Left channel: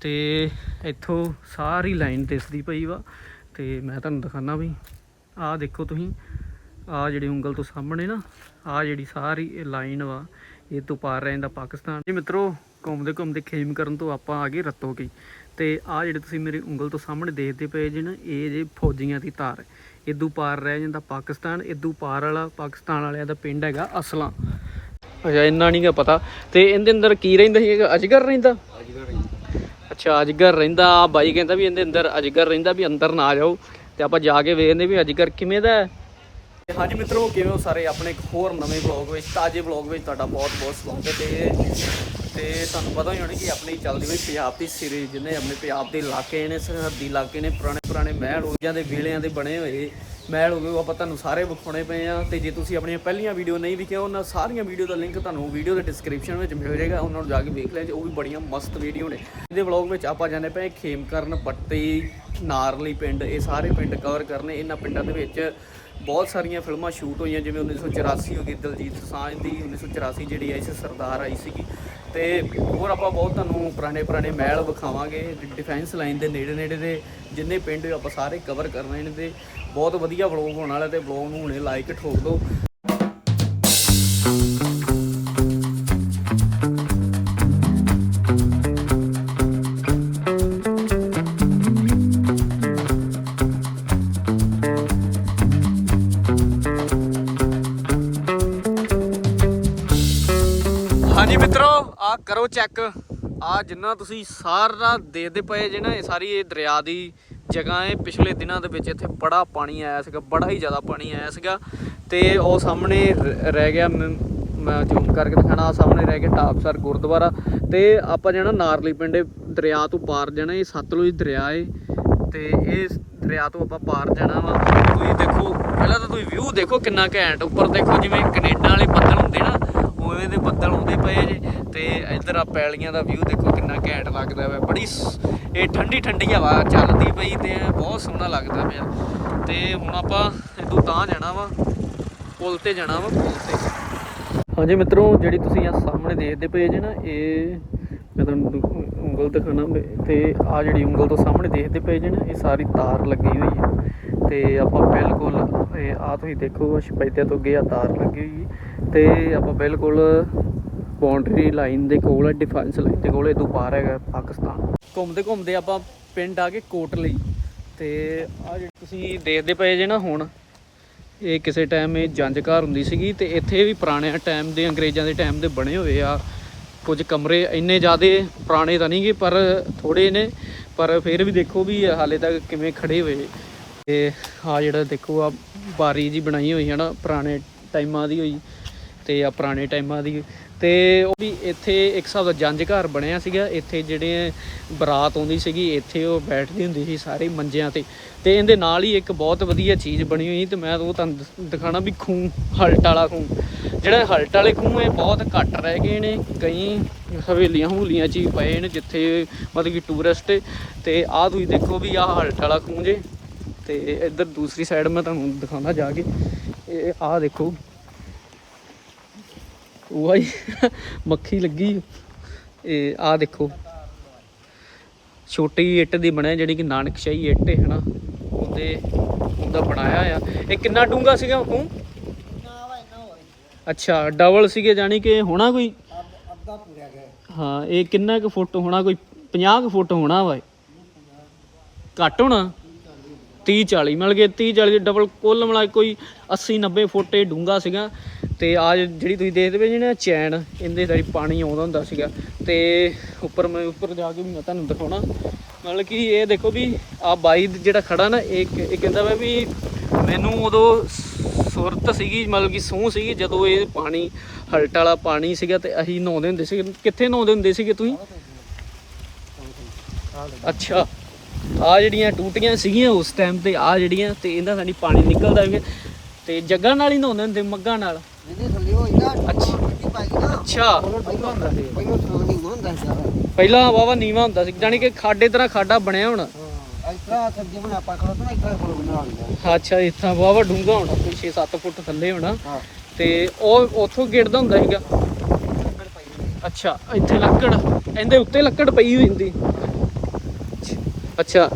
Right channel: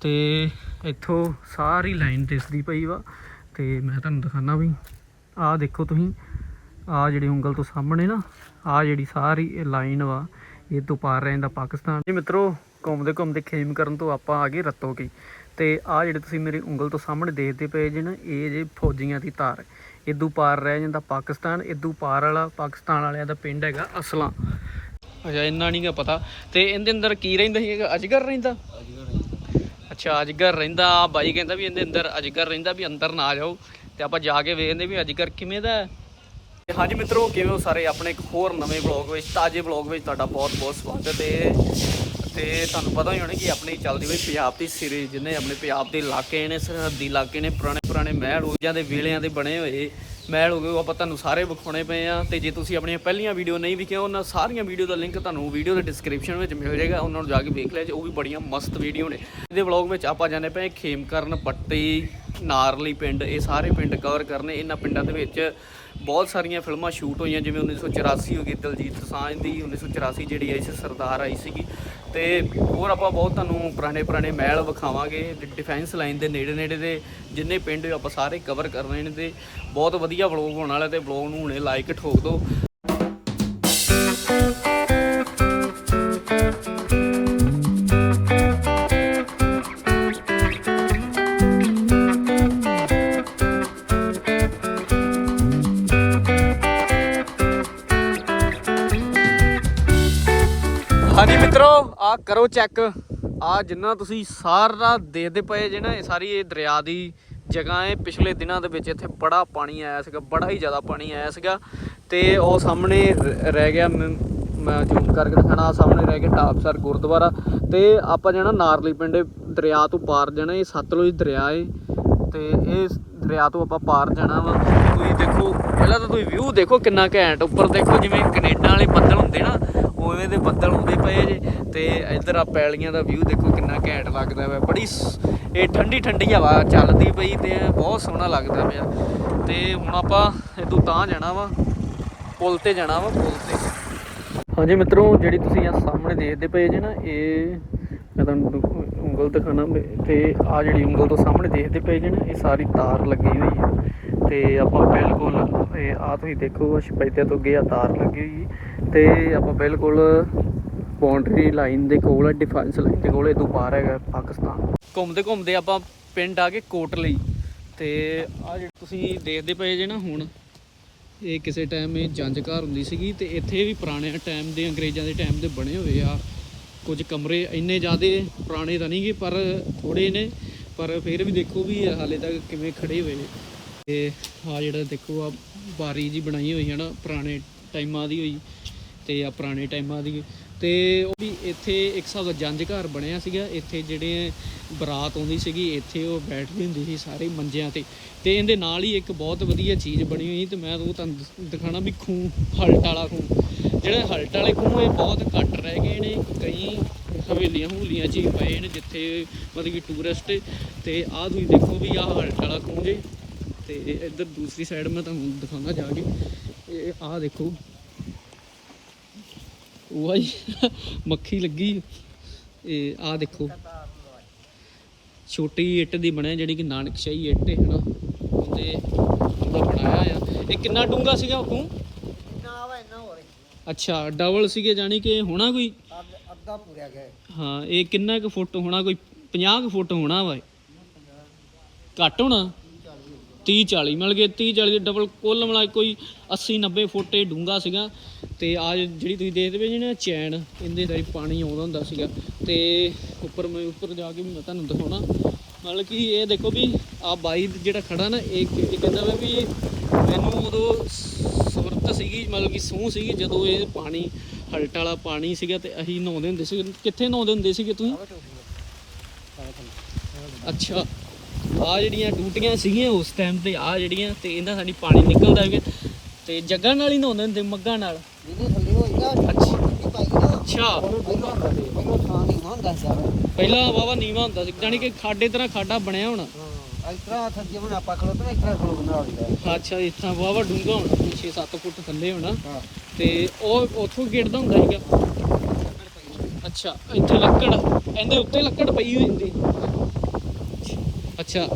ਤੇ ਇੱਥੋਂ ਸਾਰੀ ਲਾਈਨ ਦਿਸਦੀ ਪਈ ਵਾ, ਤੇ ਮੈਂ ਤੁਹਾਨੂੰ ਦਿਖਾਣਾ ਵੀ, ਆਹ ਦੇਖੋ ਤੁਸੀਂ, ਆਹ ਜਿਹੜੀ ਉਂਗਲ ਤੋਂ ਸਾਹਮਣੇ ਨਾ, ਆਹ ਜਿਹੜੀ ਸਾਰੀ ਲਾਈਨ ਵਾ, ਇਹ ਤੋਂ ਪਾਰ ਰਹਿੰਦਾ ਪਾਕਿਸਤਾਨ। ਜੀ ਮਿੱਤਰੋ, ਘੁੰਮਦੇ ਘੁੰਮਦੇ ਖੇਮ ਕਰਨ ਤੋਂ ਆਪਾਂ ਆ ਗਏ ਰੱਤੋ ਕੀ ਤੇ ਆਹ ਜਿਹੜੇ ਤੁਸੀਂ ਮੇਰੀ ਉਂਗਲ ਤੋਂ ਸਾਹਮਣੇ ਦੇਖਦੇ ਪਏ ਜੇ ਨਾ, ਇਹ ਜੇ ਫੌਜੀਆਂ ਦੀ ਧਾਰ ਇਦੋਂ ਪਾਰ ਰਹਿ ਜਾਂਦਾ ਪਾਕਿਸਤਾਨ, ਇਦੋਂ ਪਾਰ ਵਾਲਾ ਪਾਕਿਸਤਾਨ ਵਾਲਿਆਂ ਦਾ ਪਿੰਡ ਹੈਗਾ ਅਸਲਾਂ। ਅਜਾ ਇੰਨਾ ਨਹੀਂ ਗਾ ਪਤਾ, ਤੇ ਇਹਦੇ ਅੰਦਰ ਕੀ ਰਹਿੰਦਾ ਸੀਗਾ ਅਜਗਰ ਰਹਿੰਦਾ? ਅੱਛਾ ਅਜਗਰ ਰਹਿੰਦਾ, ਬਾਈ ਕਹਿੰਦਾ ਵੀ ਇਹਦੇ ਅੰਦਰ ਅਜਗਰ ਰਹਿੰਦਾ ਵੀ ਅੰਦਰ ਨਾ ਜਾਓ, ਤੇ ਆਪਾਂ ਜਾ ਕੇ ਵੇਖਦੇ ਵੀ ਅਜਗਰ ਕਿਵੇਂ ਦਾ ਹੈ। ਹਾਂਜੀ ਮਿੱਤਰੋ, ਕਿਵੇਂ ਹੋ ਸਾਰੇ? ਆਪਣੇ ਇੱਕ ਹੋਰ ਨਵੇਂ ਵਲੌਗ ਵਿੱਚ, ਤਾਜ਼ੇ ਵਲੌਗ ਵਿੱਚ ਤੁਹਾਡਾ ਬਹੁਤ ਬਹੁਤ ਸਵਾਗਤ ਹੈ ਤੇ ਤੁਹਾਨੂੰ ਪਤਾ ਹੀ ਹੋਣਾ ਕਿ ਆਪਣੀ ਚੱਲਦੀ ਹੋਈ ਪੰਜਾਬ ਦੀ ਸੀਰੀਜ਼ ਜਿਹਨੇ ਆਪਣੇ ਪੰਜਾਬ ਦੇ ਇਲਾਕੇ ਨੇ, ਸਰਹੱਦੀ ਇਲਾਕੇ ਨੇ ਪੁਰਾਣੇ ਪੁਰਾਣੇ ਮਹਿਲ ਉਜਾਂ ਦੇ ਵੇਲਿਆਂ ਦੇ ਬਣੇ ਹੋਏ ਮਹਿਲ ਹੋ ਗਏ ਉਹ ਆਪਾਂ ਤੁਹਾਨੂੰ ਸਾਰੇ ਵਿਖਾਉਣੇ ਪਏ ਆ। ਤੇ ਜੇ ਤੁਸੀਂ ਆਪਣੀਆਂ ਪਹਿਲੀਆਂ ਵੀਡੀਓ ਨਹੀਂ ਵਿਖਿਆ, ਉਹਨਾਂ ਸਾਰੀਆਂ ਵੀਡੀਓ ਦਾ ਲਿੰਕ ਤੁਹਾਨੂੰ ਵੀਡੀਓ ਦੇ ਡਿਸਕ੍ਰਿਪਸ਼ਨ ਵਿੱਚ ਮਿਲ ਜਾਏਗਾ। ਉਹਨਾਂ ਨੂੰ ਜਾ ਕੇ ਵੇਖ ਲਿਆ ਜੇ, ਉਹ ਵੀ ਬੜੀਆਂ ਮਸਤ ਵੀਡੀਓ ਨੇ। ਇਹਦੇ ਵਲੌਗ ਵਿੱਚ ਆਪਾਂ ਜਾਂਦੇ ਪਏ ਖੇਮਕਰਨ ਪੱਟੀ, ਨਾਰਲੀ ਪਿੰਡ, ਇਹ ਸਾਰੇ ਪਿੰਡ ਕਵਰ ਕਰਨੇ। ਇਹਨਾਂ ਪਿੰਡਾਂ ਦੇ ਵਿੱਚ ਬਹੁਤ ਸਾਰੀਆਂ ਫਿਲਮਾਂ ਸ਼ੂਟ ਹੋਈਆਂ, ਜਿਵੇਂ 1984 ਹੋ ਗਈ, ਦਲਜੀਤ ਦੋਸਾਂਝ ਦੀ 1984 ਜਿਹੜੀ ਆਈ ਸੀ, ਸਰਦਾਰ ਆਈ ਸੀਗੀ। ਤੇ ਹੋਰ ਆਪਾਂ ਬਹੁਤ ਤੁਹਾਨੂੰ ਪੁਰਾਣੇ ਪੁਰਾਣੇ ਮਹਿਲ ਵਿਖਾਵਾਂਗੇ ਡਿਫੈਂਸ ਲਾਈਨ ਦੇ ਨੇੜੇ ਨੇੜੇ ਦੇ ਜਿੰਨੇ ਪਿੰਡ ਹੋਏ ਆਪਾਂ ਸਾਰੇ ਕਵਰ ਕਰਨੇ ਨੇ ਤੇ ਬਹੁਤ ਵਧੀਆ ਵਲੌਗ ਹੋਣ ਵਾਲਾ ਤੇ ਵਲੌਗ ਨੂੰ ਹੁਣੇ ਲਾਈਕ ਠੋਕ ਦਿਓ। ਹਾਂਜੀ ਮਿੱਤਰੋ ਆ ਕਰੋ ਚੈੱਕ ਆ ਜਿੰਨਾ ਤੁਸੀਂ ਸਾਰਾ ਦੇਖਦੇ ਪਏ ਜੇ ਨਾ, ਇਹ ਸਾਰੀ ਇਹ ਦਰਿਆ ਦੀ ਜਗ੍ਹਾ ਹੈ। ਪਿਛਲੇ ਦਿਨਾਂ ਦੇ ਵਿੱਚ ਇੱਥੇ ਬੜਾ ਪਾਣੀ ਆਇਆ ਸੀਗਾ, ਬੜਾ ਹੀ ਜ਼ਿਆਦਾ ਪਾਣੀ ਆਇਆ ਸੀਗਾ। ਤੇ ਉਹ ਸਾਹਮਣੇ ਰ- ਰਹਿ ਗਿਆ ਮ- ਮੈਂ ਜ਼ੂਮ ਕਰਕੇ ਦਿਖਾਣਾ ਆਹ ਸਾਹਮਣੇ ਰਹਿ ਗਿਆ ਟਾਪਸਰ ਗੁਰਦੁਆਰਾ। ਤੇ ਆਪਾਂ ਜਾਣਾ ਨਾਰਲੀ ਪਿੰਡੇ, ਦਰਿਆ ਤੋਂ ਪਾਰ ਜਾਣਾ, ਇਹ ਸਤਲੁਜ ਦਰਿਆ ਏ। ਤੇ ਇਹ ਦਰਿਆ ਤੋਂ ਆਪਾਂ ਪਾਰ ਜਾਣਾ ਵਾ। ਤੁਸੀਂ ਦੇਖੋ, ਪਹਿਲਾਂ ਤਾਂ ਤੁਸੀਂ ਵਿਊ ਦੇਖੋ ਕਿੰਨਾ ਘੈਂਟ, ਉੱਪਰ ਦੇਖੋ ਜਿਵੇਂ ਕੈਨੇਡਾ ਵਾਲੇ ਬੱਦਲ ਹੁੰਦੇ ਨਾ ਉਵੇਂ ਦੇ ਬੱਦਲ ਹੁੰਦੇ ਪਏ ਜੇ ਤੇ ਇੱਧਰ ਆ ਪੈਲੀਆਂ ਦਾ ਵਿਊ ਦੇਖੋ ਕਿੰਨਾ ਘੈਂਟ ਲੱਗਦਾ ਵਾ ਬੜੀ ਇਹ ਠੰਡੀ ਠੰਡੀ ਹਵਾ ਚੱਲਦੀ ਪਈ ਤੇ ਬਹੁਤ ਸੋਹਣਾ ਲੱਗਦਾ ਪਿਆ। ਤੇ ਹੁਣ ਆਪਾਂ ਇਦੋਂ ਤਾਂ ਜਾਣਾ ਵਾ, ਪੁਲ ਤੇ ਜਾਣਾ ਵਾ, ਪੁਲ ਤੇ। ਹਾਂਜੀ ਮਿੱਤਰੋ, ਜਿਹੜੀ ਤੁਸੀਂ ਆ ਸਾਹਮਣੇ ਦੇਖਦੇ ਪਏ ਜੇ ਨਾ, ਇਹ ਮੈਂ ਤੁਹਾਨੂੰ ਦੁ- ਉਂਗਲ ਦਿਖਾਣਾ ਤੇ ਆ ਜਿਹੜੀ ਉਂਗਲ ਤੋਂ ਸਾਹਮਣੇ ਦੇਖਦੇ ਪਏ ਜੇ ਨਾ, ਇਹ ਸਾਰੀ ਤਾਰ ਲੱਗੀ ਹੋਈ ਹੈ ਤੇ ਆਪਾਂ ਬਿਲਕੁਲ, ਇਹ ਆ ਤੁਸੀਂ ਦੇਖੋ ਸ਼ਪੈਤੇ ਤੋਂ ਅੱਗੇ ਆ ਤਾਰ ਲੱਗੀ ਹੋਈ ਤੇ ਆਪਾਂ ਬਿਲਕੁਲ ਬਾਉਂਡਰੀ ਲਾਈਨ ਦੇ ਕੋਲ ਡਿਫੈਂਸ ਲਾਈਨ ਦੇ ਕੋਲ ਇਹ ਤੋਂ ਬਾਹਰ ਹੈਗਾ ਪਾਕਿਸਤਾਨ। ਘੁੰਮਦੇ ਘੁੰਮਦੇ ਆਪਾਂ ਪਿੰਡ ਆ ਕੇ ਕੋਟਲੀ। ਤੇ ਆ ਜਿਹੜੇ ਤੁਸੀਂ ਦੇਖਦੇ ਪਏ ਜੇ ਨਾ ਹੁਣ, ਇਹ ਕਿਸੇ ਟਾਈਮ ਇਹ ਜੰਜ ਘਰ ਹੁੰਦੀ ਸੀਗੀ ਤੇ ਇੱਥੇ ਵੀ ਪੁਰਾਣੇ ਟਾਈਮ ਦੇ, ਅੰਗਰੇਜ਼ਾਂ ਦੇ ਟਾਈਮ ਦੇ ਬਣੇ ਹੋਏ ਆ। ਕੁਝ ਕਮਰੇ ਇੰਨੇ ਜ਼ਿਆਦਾ ਪੁਰਾਣੇ ਤਾਂ ਨਹੀਂਗੇ ਪਰ ਥੋੜੇ ਨੇ। ਪਰ ਫਿਰ ਵੀ ਦੇਖੋ ਵੀ ਹਾਲੇ ਤੱਕ ਕਿਵੇਂ ਖੜੇ ਹੋਏ। ਤੇ ਆ ਜਿਹੜਾ ਦੇਖੋ ਆ, ਬਾਰੀ ਜੀ ਬਣਾਈ ਹੋਈ ਹੈ ਨਾ, ਪੁਰਾਣੇ ਟਾਈਮਾਂ ਦੀ ਹੋਈ। ਤੇ ਆ ਪੁਰਾਣੇ ਟਾਈਮਾਂ ਦੀ। ਤੇ ਉਹ ਵੀ ਇੱਥੇ ਇੱਕ ਹਿਸਾਬ ਦਾ ਜੰਜ ਘਰ ਬਣਿਆ ਸੀਗਾ। ਇੱਥੇ ਜਿਹੜੇ ਬਰਾਤ ਆਉਂਦੀ ਸੀਗੀ, ਇੱਥੇ ਉਹ ਬੈਠਦੀ ਹੁੰਦੀ ਸੀ ਸਾਰੇ ਮੰਜਿਆਂ ਤੇ। ਤੇ ਇਹਦੇ ਨਾਲ ਹੀ ਇੱਕ ਬਹੁਤ ਵਧੀਆ ਚੀਜ਼ ਬਣੀ ਹੋਈ ਤੇ ਮੈਂ ਉਹ ਤੁਹਾਨੂੰ ਦਿ- ਦਿਖਾਣਾ ਵੀ ਖੂਹ, ਹਲਟ ਵਾਲਾ ਖੂਹ। ਜਿਹੜਾ ਹਲਟ ਵਾਲੇ ਖੂਹ ਇਹ ਬਹੁਤ ਘੱਟ ਰਹਿ ਗਏ ਨੇ। ਕਈ ਹਵੇਲੀਆਂ ਹੂਲੀਆਂ ਚ ਹੀ ਪਏ ਨੇ ਜਿੱਥੇ ਮਤਲਬ ਕਿ ਟੂਰਿਸਟ ਤੇ ਆਹ ਤੁਸੀਂ ਦੇਖੋ ਵੀ ਆਹ ਹਲਟ ਵਾਲਾ ਖੂਹ ਜੇ। ਤੇ ਇੱਧਰ ਦੂਸਰੀ ਸਾਈਡ ਮੈਂ ਤੁਹਾਨੂੰ ਦਿਖਾਉਂਦਾ ਜਾ ਕੇ। ਇਹ ਆਹ ਦੇਖੋ। ਉਹ ਆਈ ਮੱਖੀ ਲੱਗੀ। ਇਹ ਆਹ ਦੇਖੋ। ਛੋਟੀ ਇੱਟ ਦੀ ਬਣਿਆ, ਜਿਹੜੀ ਕਿ ਨਾਨਕਸ਼ਾਹੀ ਇੱਟ ਹੈ ਹਨਾ? ਉਹਦੇ, ਉਹਦਾ ਬਣਾਇਆ ਆ। ਇਹ ਕਿੰਨਾ ਡੂੰਗਾ ਸੀਗਾ ਤੂੰ ਅੱਛਾ, ਡਬਲ ਸੀਗੇ ਜਾਨੀ ਕਿ ਹੋਣਾ ਕੋਈ? ਹਾਂ, ਇਹ ਕਿੰਨਾ ਕੁ ਫੁੱਟ ਹੋਣਾ, ਕੋਈ 50 ਕੁ ਫੁੱਟ ਹੋਣਾ ਵਾ ਘੱਟ ਹੋਣਾ? 30 40 ਮਿਲ ਗਏ 30 40 ਡਬਲ ਕੁੱਲ ਮਿਲਾ ਕੇ ਕੋਈ 80 90 ਫੁੱਟ ਇਹ ਡੂੰਗਾ ਸੀਗਾ। ਤੇ ਆ ਜਿਹੜੀ ਤੁਸੀਂ ਦੇਖਦੇ ਪਏ ਜਿਹੜਾ ਚੈਨ, ਇਹਦੇ ਸਾਰੀ ਪਾਣੀ ਆਉਂਦਾ ਹੁੰਦਾ ਸੀਗਾ। ਤੇ ਉੱਪਰ ਮੈਂ ਉੱਪਰ ਜਾ ਕੇ ਵੀ ਮੈਂ ਤੁਹਾਨੂੰ ਦਿਖਾਉਣਾ। ਮਤਲਬ ਕਿ ਇਹ ਦੇਖੋ ਵੀ ਆ ਬਾਈ ਜਿਹੜਾ ਖੜਾ ਨਾ, ਇਹ ਇਹ ਕਹਿੰਦਾ ਵਾ ਵੀ ਮੈਨੂੰ ਉਦੋਂ ਸੁਰਤ ਸੀਗੀ, ਮਤਲਬ ਕਿ ਸੂਹ ਸੀਗੀ, ਜਦੋਂ ਇਹ ਪਾਣੀ, ਹਲਟ ਵਾਲਾ ਪਾਣੀ ਸੀਗਾ ਤੇ ਅਸੀਂ ਨਹਾਉਂਦੇ ਹੁੰਦੇ ਸੀ ਕਿੱਥੇ ਨਹਾਉਂਦੇ ਹੁੰਦੇ ਸੀਗੇ ਤੁਸੀਂ? ਅੱਛਾ। ਆ ਜਿਹੜੀਆਂ ਟੂਟੀਆਂ ਸੀਗੀਆਂ ਉਸ ਟਾਈਮ ਤੇ ਆ ਜਿਹੜੀਆਂ ਤੇ ਇਹਦਾ ਸਾਡੀ ਪਾਣੀ ਨਿਕਲਦਾ ਸੀਗਾ ਤੇ ਜੱਗਾਂ ਨਾਲ ਹੀ ਨਹਾਉਂਦੇ ਹੁੰਦੇ ਮੱਗਾਂ ਨਾਲ। ਅੱਛਾ। ਪਹਿਲਾਂ ਵਾਵਾ ਨੀਵਾ ਹੁੰਦਾ ਸੀ ਜਾਨੀ ਕਿ ਖਾਡੇ ਤਰ੍ਹਾਂ ਖਾਡਾ ਬਣਿਆ ਹੁਣ। ਅੱਛਾ ਇੱਥਾਂ ਵਾਵਾ ਡੂੰਘਾ ਹੋਣਾ ਕੋਈ 6-7 ਫੁੱਟ ਥੱਲੇ ਹੋਣਾ। ਤੇ ਉਹ ਉੱਥੋਂ ਗਿਰਦਾ ਹੁੰਦਾ ਸੀਗਾ। ਅੱਛਾ ਇੱਥੇ ਲੱਕੜ ਇਹਦੇ ਉੱਤੇ ਲੱਕੜ ਪਈ ਹੋਈ ਹੁੰਦੀ। ਅੱਛਾ।